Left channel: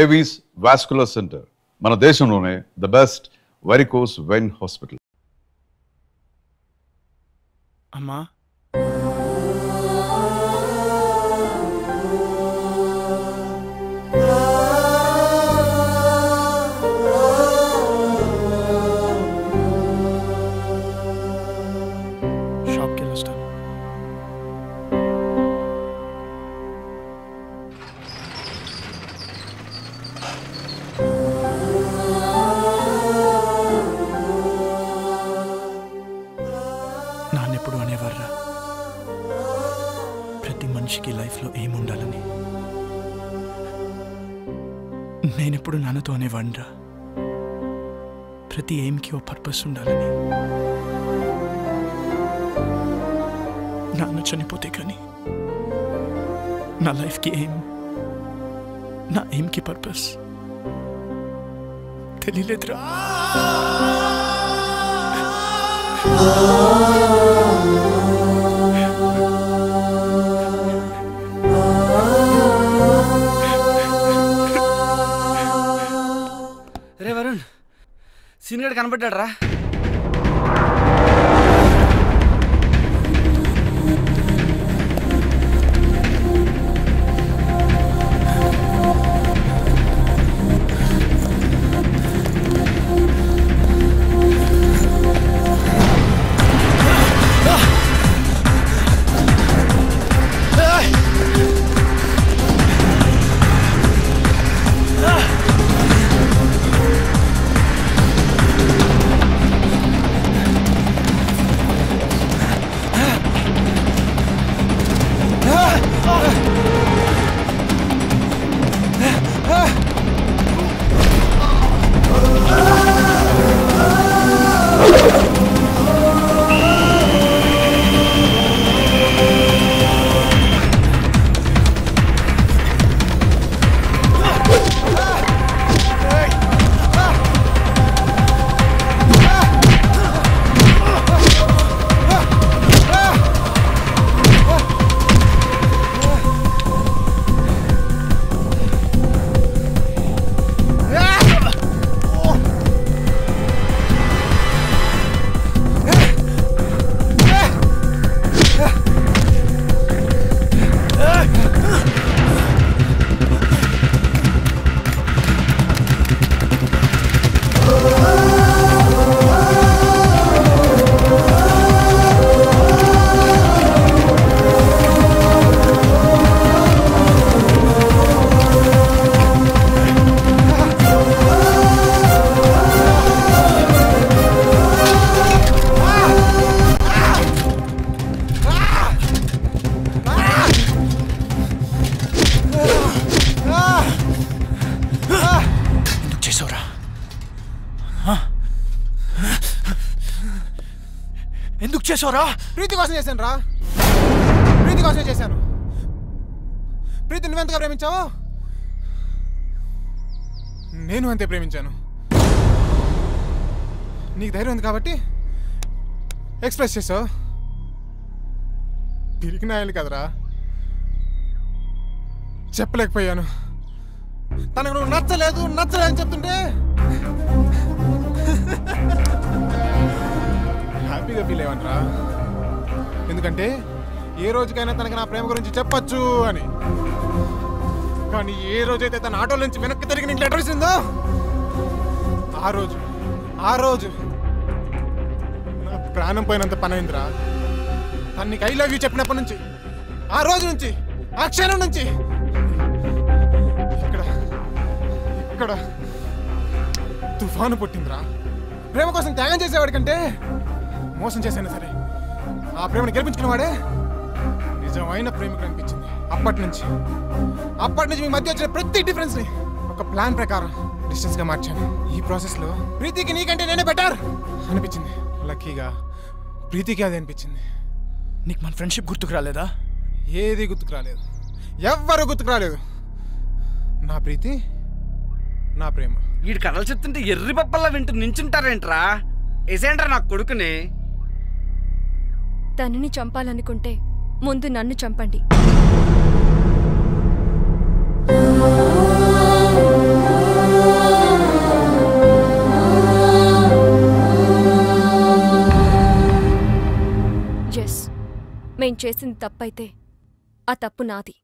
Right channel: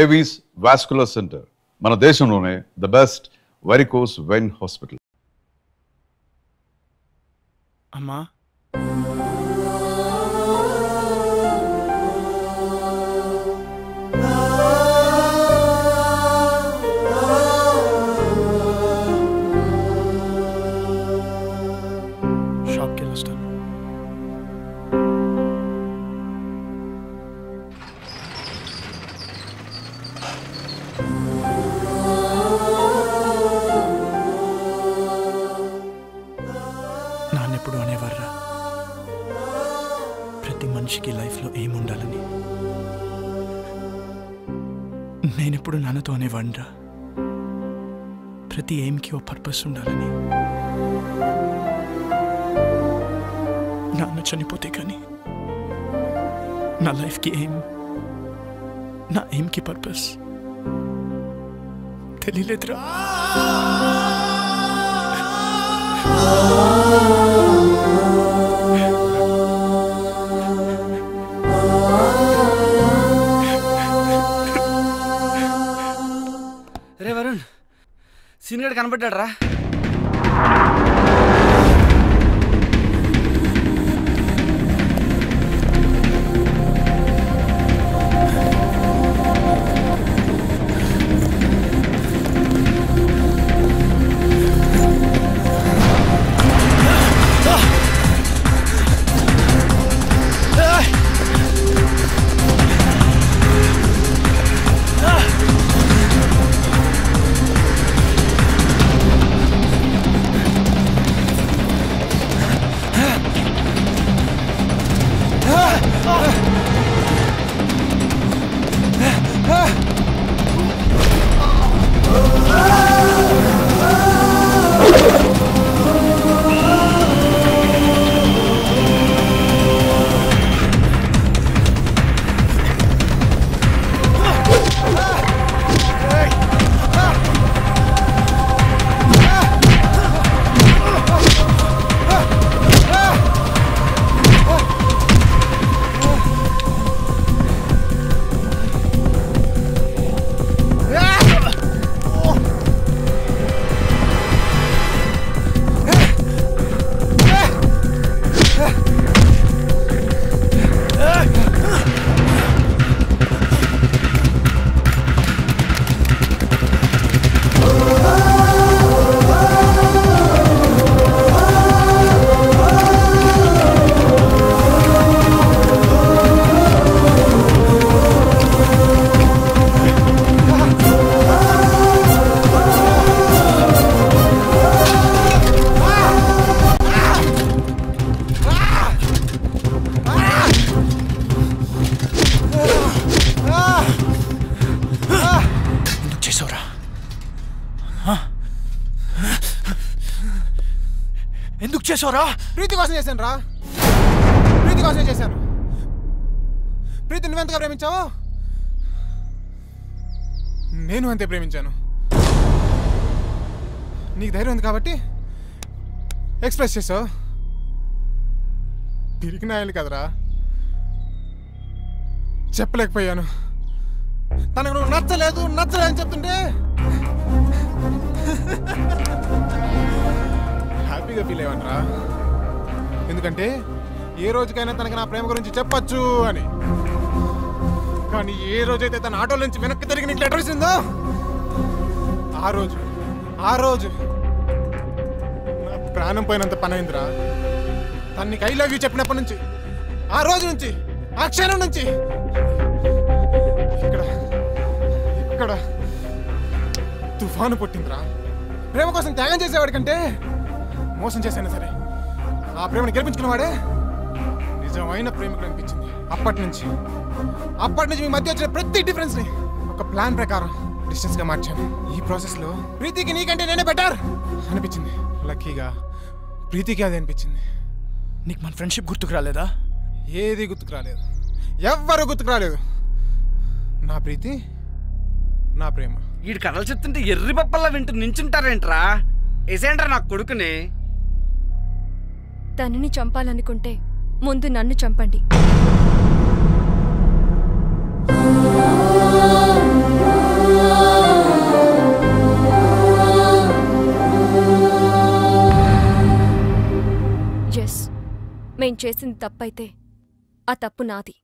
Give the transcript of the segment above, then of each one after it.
Avis vascular centre మన దేశంలోనే the best varicose vein hospital. అమ్మా షాప్కి వెళ్ళొస్తాను. నాన్నెప్పుడు అనేవారా ప్రతి మనిషికి లైఫ్లో ఏముండాలని. నేనెప్పుడు నాన్నతో అనేవాడిరా ప్రతి ఎయిమ్కి ఓ పర్పస్ ఉండాలని. నాన్న చనిపోతే కానీ నా లైఫ్కి ఎయిమ్, నా ఎయిమ్కి పర్పస్ తెలియలేదురా. రే వరుణ్, సీన్ గడ్ కనపడ్డాడు రా. ఎందుకు చేసావురా? ప్రీతి కోసం చేశాను రా, ప్రీతి కోసమే చేశాను. ప్రీతి నువ్వెంతగా ప్రేమించావు, నేను అంతే ప్రేమించాను. నీకు ధైర్యం ఉంది కాబట్టి ఎక్స్ప్రెస్ చేసావు. తిరిగి నాయాలి కదరా, చెప్పలేకపోయాను. తనకు నువ్వు నచ్చలేదని చెప్తుంటే హ్యాపీగా ఫీల్ అయ్యావంట్రా. ఎందుకంటే ఏ రోజుకైనా తనకి నా ప్రేమ గురించి చెప్పచ్చు అని. కానీ ఏ రోజైతే తన ఆటో నుంచి వెనక్కి తిరిగి నీకు లెటర్ ఇస్తుందో ఆ రోజు నా ప్రాణం పోయినంత పని అయిందిరా. తను నీకు ఐ లవ్ యూ చెప్పినప్పటి నుంచి, ఆ రోజు నుంచి, ఆ క్షణం నుంచి ఇక్కడ తుఫాను పుట్టిందిరా. ప్రేమ కోసం త్యాగం చేసేవాడి కంటే మోసం చేసైనా సరే ఆ ప్రేమను గెలిపించుకునేవాడే నిజమైన ప్రేమికుడు అనిపించింది. అప్పటి నుంచి మీ మధ్య వచ్చిన ప్రతి డిఫరెన్స్ ని ఒక ప్లాన్ ప్రకారం డిస్టెన్స్ గా మార్చాను. ఈ ప్రాసెస్ లో ప్రీతికి నీకంటే నేనే బెటర్ అనిపించింది. లక్కీగా ప్రీతికి అది అనిపించింది. నీకు మన ఫ్రెండ్షిప్ గుర్తుకు రాలేదా? ఏది గుర్తుకు రాలేదు, ఎవ్వరు గుర్తుకు రాలేదు. నా ప్రీతి, నా ప్రేమ. వీడి కథలు చెప్తుంటే ఎర్రి పప్పల్లా వింటూ నించుంటారేంట్రా? ఎసేంట్రా నా కొడుకుని. తనని చంపాలనుకుంటే ముందు నన్ను చంపండి. నేను చేసింది తప్పైతే ఆ తప్పు నాది.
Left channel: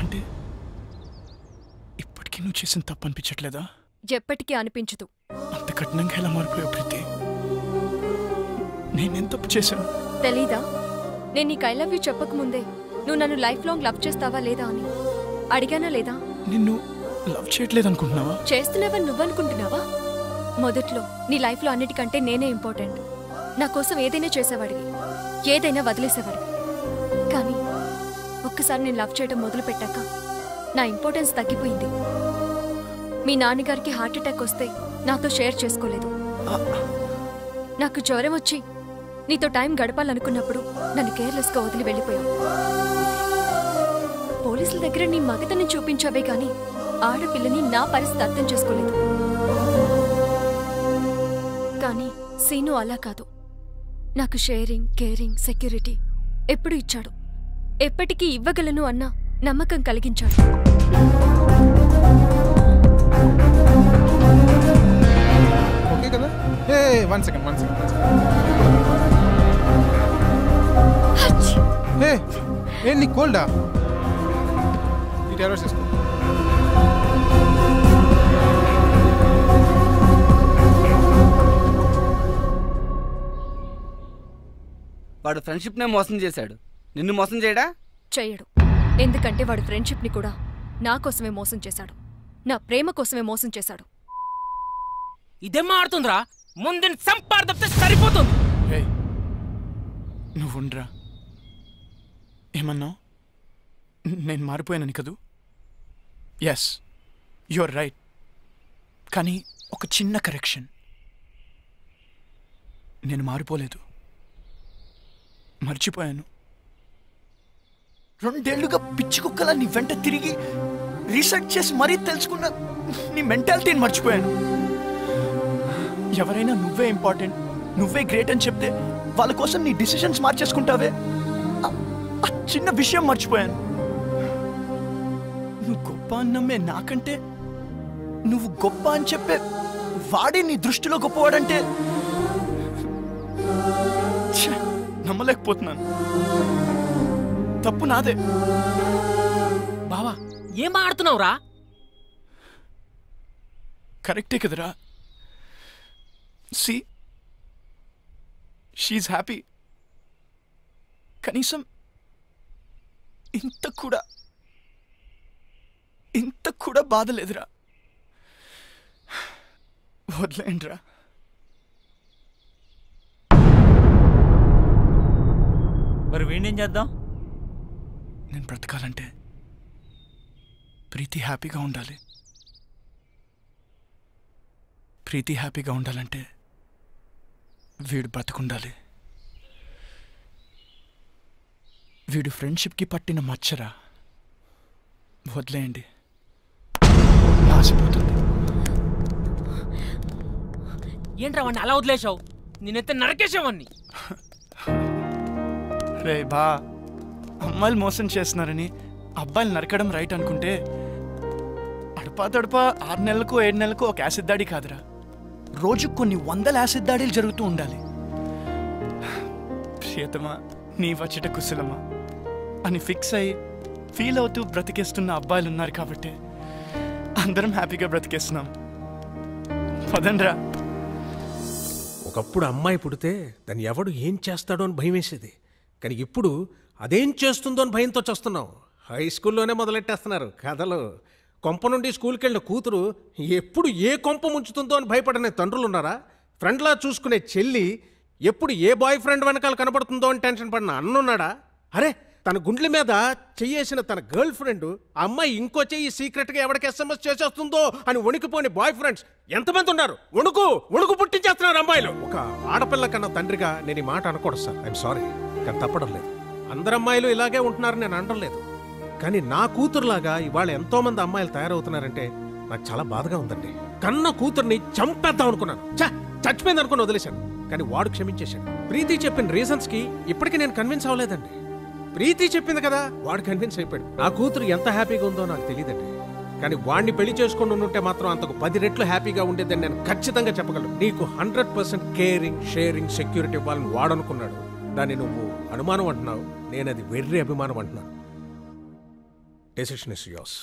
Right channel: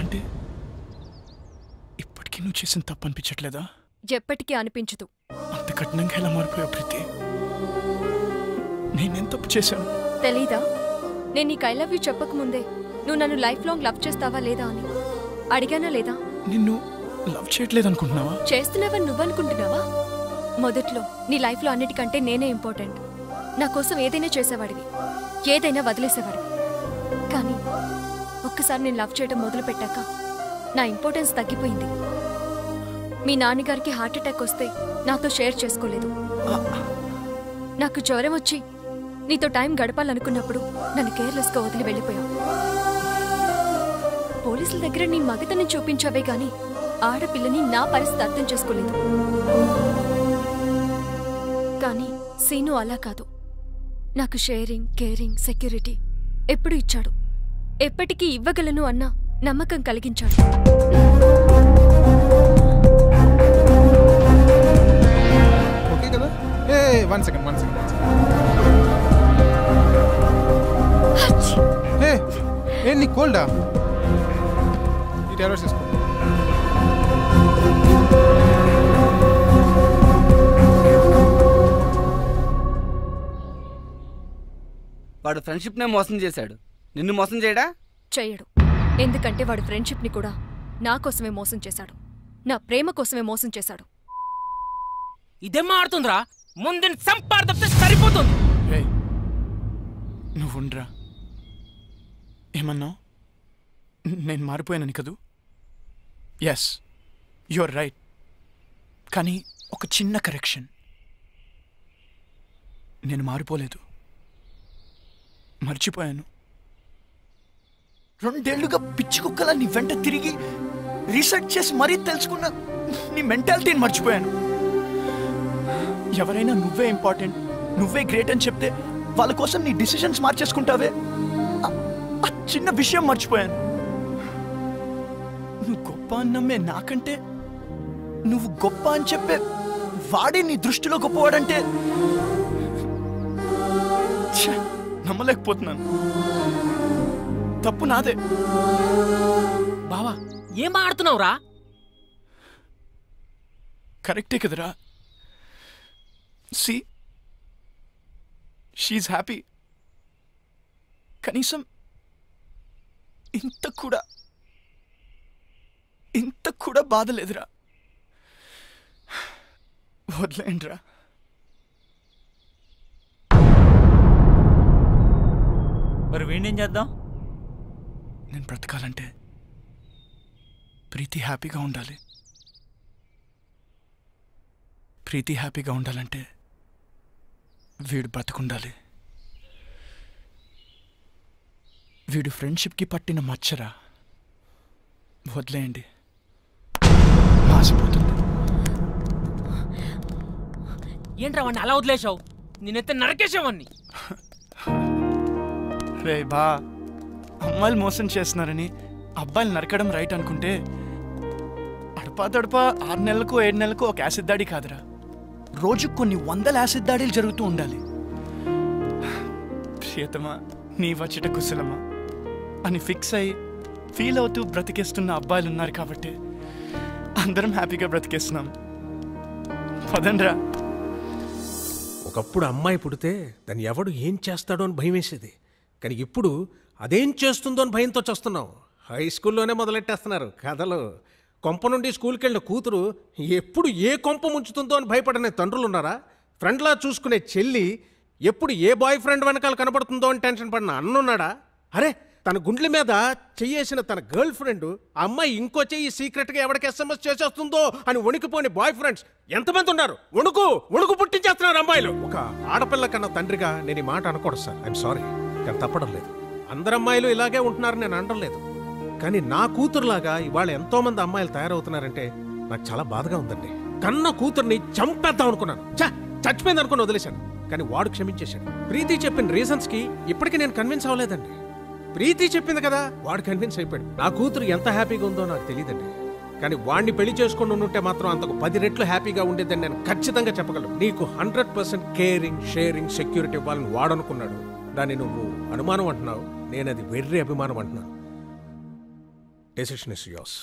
అంటే ఇప్పటికీ నువ్వు చేసిన తప్పు అనిపించట్లేదా? ఎప్పటికీ అనిపించదు. అంత కఠినంగా ఎలా మారిపోయావు ప్రీతి? నేనేం తప్పు చేశాను? తెలీదా? నేను నీకు ఐ లవ్ యూ చెప్పకముందే నువ్వు నన్ను లైఫ్ లాంగ్ లవ్ చేస్తావా లేదా అని అడిగానా లేదా? నిన్ను లవ్ చేయట్లేదు అనుకుంటున్నావా? చేస్తున్నావని నువ్వనుకుంటున్నావా? మొదట్లో నీ లైఫ్లో అన్నిటికంటే నేనే ఇంపార్టెంట్. నా కోసం ఏదైనా చేసేవాడివి, ఏదైనా వదిలేసేవాడివి. కానీ ఒక్కసారి నేను లవ్ చేయడం మొదలు పెట్టాక నా ఇంపార్టెన్స్ తగ్గిపోయింది. మీ నాన్నగారికి హార్ట్ అటాక్ వస్తే నాతో షేర్ చేసుకోలేదు. నాకు జ్వరం వచ్చి నీతో టైం గడపాలనుకున్నప్పుడు నన్ను కేర్లెస్గా వదిలి వెళ్ళిపోయావు. పోలీసుల దగ్గర నీ మగతని చూపించావే గాని ఆడపిల్లని నా పరిస్థితి అర్థం చేసుకోలేదు. కానీ సీను అలా కాదు. నాకు షేరింగ్, కేరింగ్, సెక్యూరిటీ ఎప్పుడు ఇచ్చాడు. ఎప్పటికీ ఇవ్వగలను అన్న నమ్మకం కలిగించాడు. ఓకే కదా? One second. నీ కోల్డా? ఈ టాబ్లెట్స్ తీసుకో. వాడు ఫ్రెండ్షిప్నే మోసం చేశాడు, నిన్ను మోసం చేయడా? చెయ్యడు. ఎందుకంటే వాడు ఫ్రెండ్షిప్ని కూడా నా కోసమే మోసం చేశాడు. నా ప్రేమ కోసమే మోసం చేశాడు. ఇదేం ఆడుతుందిరా? ముందు సంపాదిస్తే సరిపోతుంది. నువ్వుండ్రా. ఏమన్నావు? నేను మారిపోయానని కదూ? Yes, you're right. కానీ ఒక చిన్న కరెక్షన్. నేను మారిపోలేదు, మర్చిపోయాను. 2 ఏళ్లుగా పిచ్చి కుక్కలా నీ వెంట తిరిగి రీసెర్చ్ చేసి మరీ తెలుసుకున్న నీ మెంటాలిటీని మర్చిపోయాను. ఎవరైనా నువ్వే ఇంపార్టెంట్, నువ్వే గ్రేట్ అని చెప్తే వాళ్ళ కోసం నీ డిసిషన్స్ మార్చేసుకుంటావే, ఆ చిన్న విషయం మర్చిపోయాను. నువ్వు గొప్ప అన్నమ్మే నాకంటే నువ్వు గొప్ప అని చెప్పే వాడే నీ దృష్టిలో గొప్పవాడంటే నమ్మలేకపోతున్నాను. తప్పు నాదే. బావా ఏం ఆడుతున్నావురా? కరెక్టే కదరా? సి, షీఈ్ హ్యాపీ. కనీసం ఇంత కూడా బాధ లేదురా. వదిలేండిరా. మరి వీణేం చేద్దాం? నేను బ్రతకాలంటే ప్రీతి హ్యాపీగా ఉండాలి. ప్రీతి హ్యాపీగా ఉండాలంటే వీడు బ్రతకుండాలి. వీడు ఫ్రెండ్షిప్కి పట్టిన మచ్చరా. వదిలేయండి, మాసిపోతుంది. ఏంట్రా వాడిని అలా వదిలేసావు? నేనైతే నరకేసావని. రే బా, అమ్మాయిలు మోసం చేస్తున్నారని అబ్బాయిలు నరకడం రైట్ అనుకుంటే అడపా తడపా 6 నెలలకు 7 నెలలకు ఒక యాసిడ్ దాడి కాదురా, రోజు కొన్ని 100 యాసిడ్ దాడులు జరుగుతూ ఉండాలి. ప్రియతమా నీ వచ్చట కుశలమా అని ఫిక్స్ అయ్యి ఫీల్ అవుతూ బ్రతికేస్తున్న అబ్బాయిలు ఉన్నారు కాబట్టి అందరం హ్యాపీగా బ్రతికేస్తున్నాం. పదండ్రా. ఒకప్పుడు అమ్మాయి పుడితే దాన్ని ఎవడు ఏం చేస్తాడో అని భయం వేసేది. కానీ ఇప్పుడు అదేం చేస్తుందో అని భయంతో చేస్తున్నాం. హై స్కూల్లోనే మొదలెట్టేస్తున్నారు కథలు. కొంప నుండి స్కూల్కి వెళ్ళిన కూతురు ఎప్పుడు ఏ కొంప ముంచుతుందో అని భయపడనే తండ్రులు ఉన్నారా? ఫ్రెండ్లా చూసుకునే చెల్లి ఎప్పుడు ఏ బాయ్ ఫ్రెండ్ వెనకాల కనపడుతుందో అని టెన్షన్ పడిన అన్నున్నాడా? అరే, తన గుండెల మీద చెయ్యేసిన తన గర్ల్ ఫ్రెండ్ ఆ అమ్మాయి ఇంకో చెయ్యి సీక్రెట్గా ఎవరికి SMS చేసేస్తుందో అని వణికిపోని బాయ్ ఫ్రెండ్స్ ఎంతమంది ఉన్నారు? వణుకు పుట్టించేస్తున్నారు అమ్మాయిలు. ఒక ఆడపిల్ల కన్నా తండ్రిగా నేను ఈ మాట అనకూడదు సార్, ఐఎమ్ సారీ. కానీ తప్పడం లేదు. అందరు అమ్మాయిలు ఇలాగే ఉంటున్నారని నేను అనడం లేదు. కానీ నా కూతురులాగా ఇవాళ ఎంతో మంది అమ్మాయిలు తయారవుతున్నారంటే నాకు చాలా బాధగా ఉందండి. కన్న కూతుర్ని చంపేద్దాం అనుకున్నాను, చచ్చిపోయింది అనుకుని వదిలేశాను. కానీ వాడు క్షమించేశాడు. ప్రీతి చెప్పిన రీజన్స్కి ఇప్పటికీ నేను కన్విన్స్ అవ్వలేదండి. ప్రీతి చెప్పింది కదా, వాడు కన్విన్స్ అయిపోయాడు. నా కూతురు ఎంత హ్యాపీగా ఉందో నాకు తెలియదండి. కానీ వాణ్ణి పెళ్లి చేసుకొని ఉంటే మాత్రం అంతకు 10 రెట్లు హ్యాపీగా ఉండేదని నేను ఖచ్చితంగా చెప్పగలను. నీకు 100% కేరింగ్, షేరింగ్, సెక్యూరిటీ ఇవ్వాలని వాడనుకున్నాడు. దాన్ని నువ్వు అనుమానం అంటున్నావు, నేను అది వెర్రి అభిమానం అంటున్నాను. Decision is yours.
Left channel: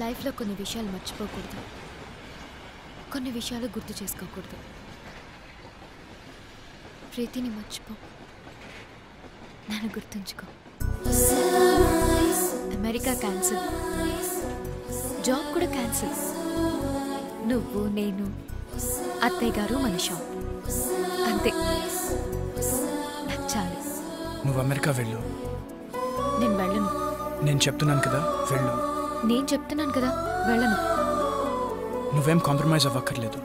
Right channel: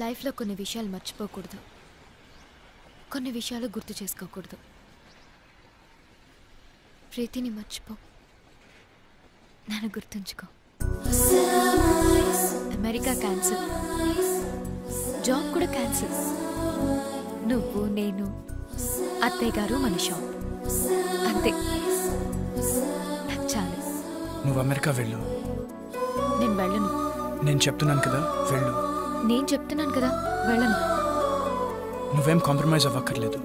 లైఫ్లో కొన్ని విషయాలు మర్చిపోకూడదు, కొన్ని విషయాలు గుర్తు చేసుకోకూడదు. ప్రీతిని మర్చిపో, నన్ను గుర్తుంచుకో. అమెరికా క్యాన్సిల్, జాబ్ కూడా క్యాన్సిల్. నువ్వు, నేను, అత్తయ్య గారు, మన షాప్, అంతే. నాకు చాలు. నువ్వు అమెరికా వెళ్ళు. నేను వెళ్ళను. నేను చెప్తున్నాను కదా, వెళ్ళు. నేను చెప్తున్నాను కదా, వెళ్ళను. నువ్వేం కాంప్రమైజ్ అవ్వక్కర్లేదు.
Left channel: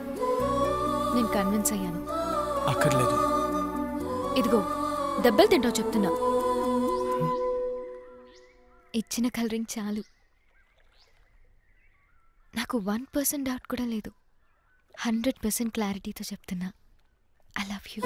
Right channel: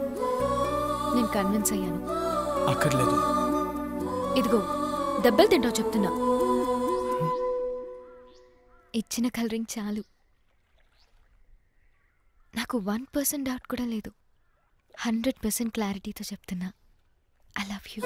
నేను కన్విన్స్ అయ్యాను. అక్కర్లేదు. ఇదిగో దెబ్బలు తింటావు చెప్తున్నా. ఇచ్చిన కలరింగ్ చాలు. నాకు 1% డౌట్ కూడా లేదు. 100% క్లారిటీతో చెప్తున్నా. I love you.